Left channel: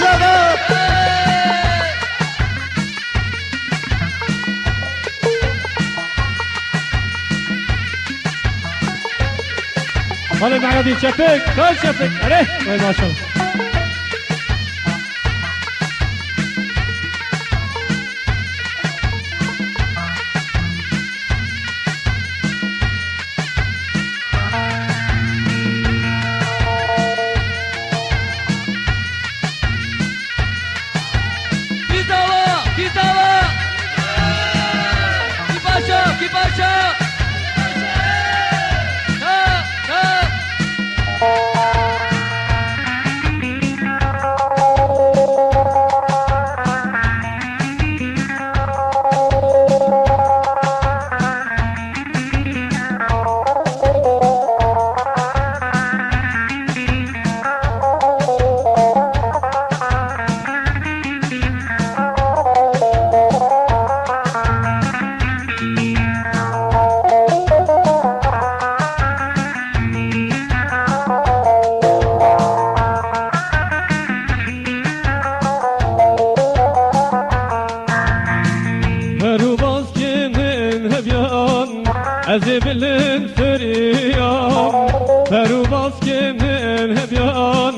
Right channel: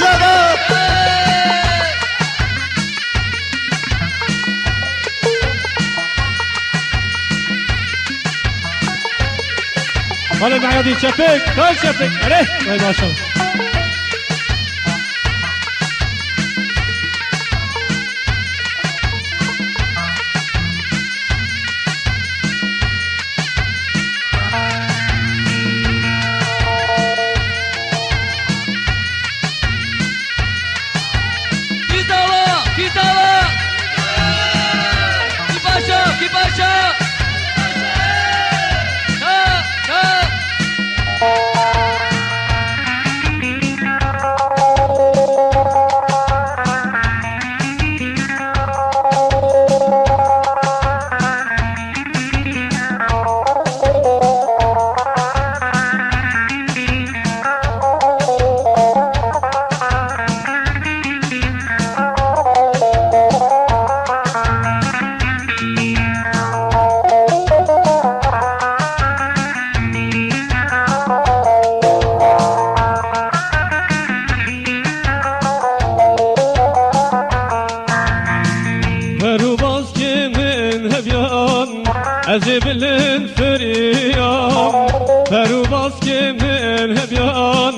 جواب خالد معرضي شفيق كل شفيق عليه ما شاء الله أزبلن فريان فرو باسكي من هبيان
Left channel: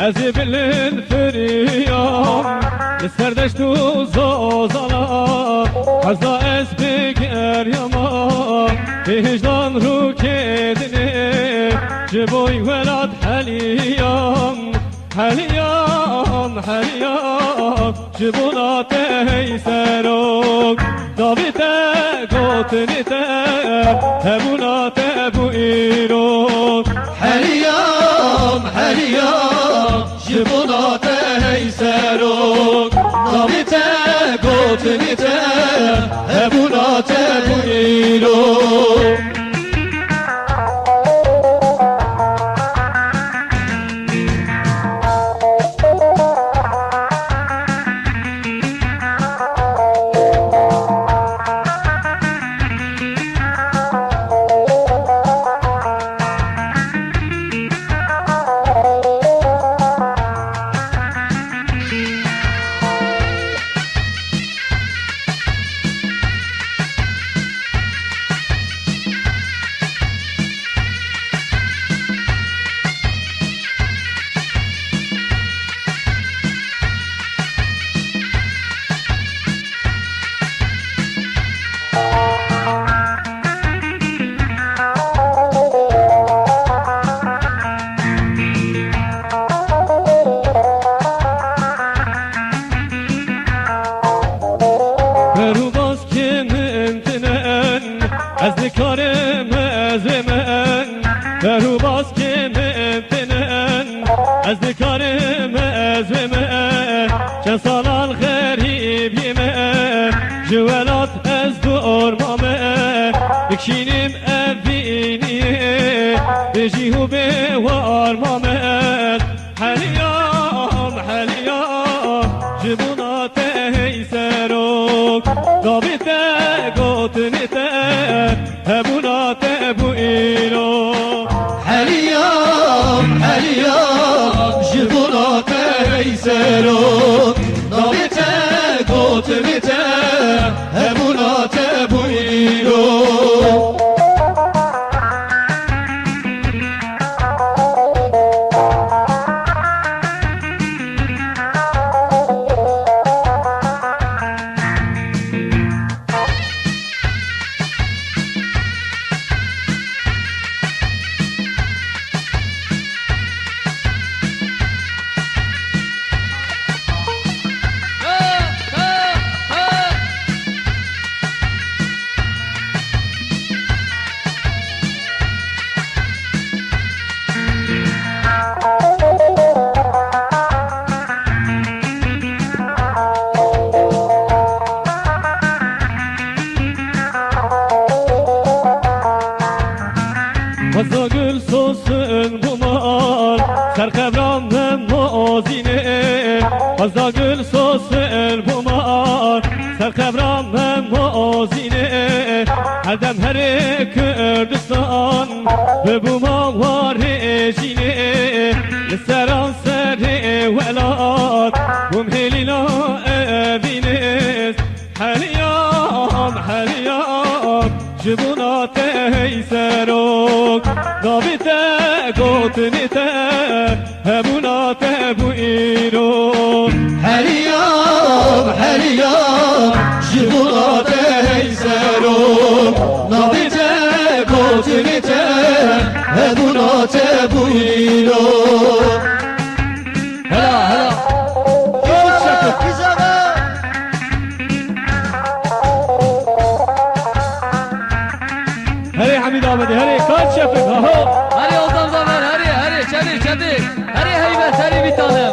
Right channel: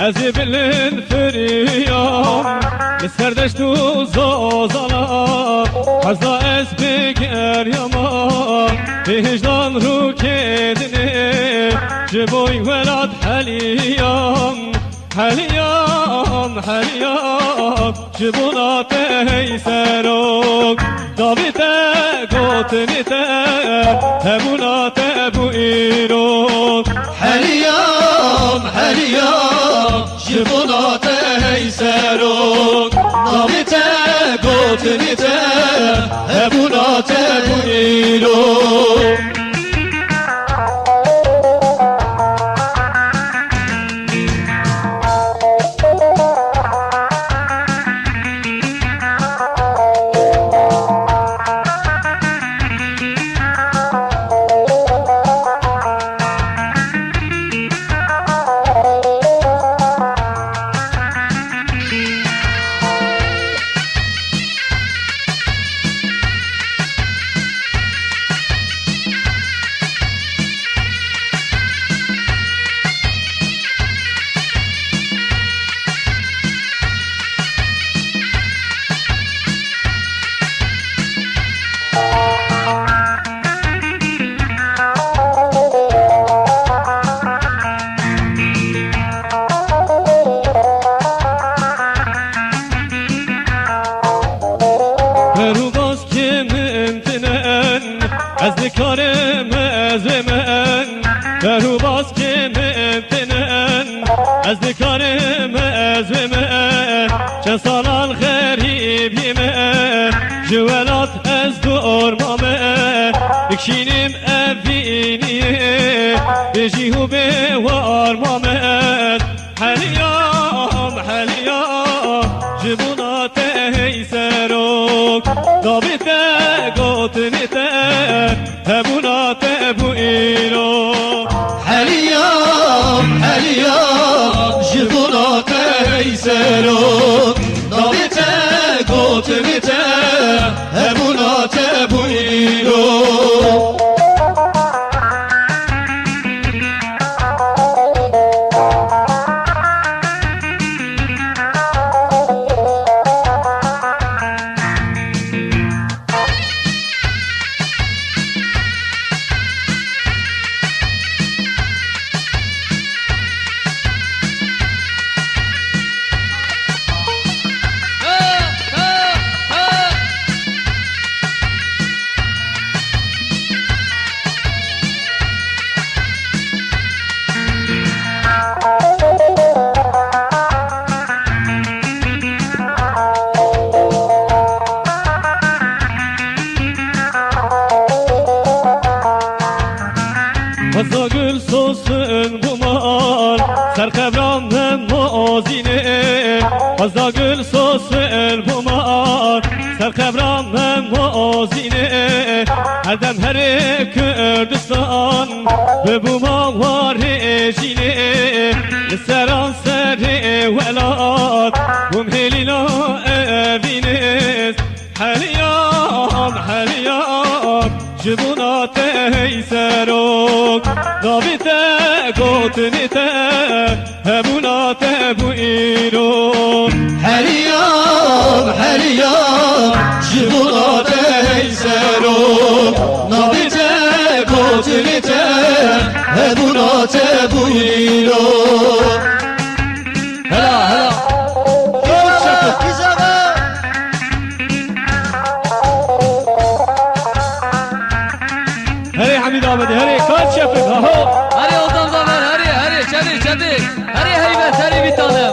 أزبلن فريان لسردشتو زوزالا حزا اسبقر يما هجدان رو كدني جبوي ولاد حليان حليان حليان جبونا تهيسروك دابته قوتنته هبوناته بوئيروك حليان حليان جبوناته هيسروك دابته قوتنته هبوناته بوئيروك أذكرم أزمن كرو باسكي ممتنن أذكرم أزمن شصال الغريب يمن جوالات أزدور مامن بكشينم أبيني بجيهو بوار مامن حليام حليام جبونا تهيسروك ضابطة قوتنته هبوناته بوئيرو حليام حليام جبوناته هيسروك ضابطه قوتنته هبوناته بوئيرو Fazla gül sosun buman Serkebranın muazini Fazla gül sosun buman Serkebranın muazini Herdem heri Kürdistan Ve buman var rejini سران سری ولاد بون هلینا ابینیز حلیان جبونات ایسروک نابیته گوتنیته هبونات بویرو هریان جبونات ایسرو نابیته گوتنیته هبونات بویرو هلا هری حمید آمده هری کار شفت ها هری آدم زمان هری چدی هری هیبت هری بیتانم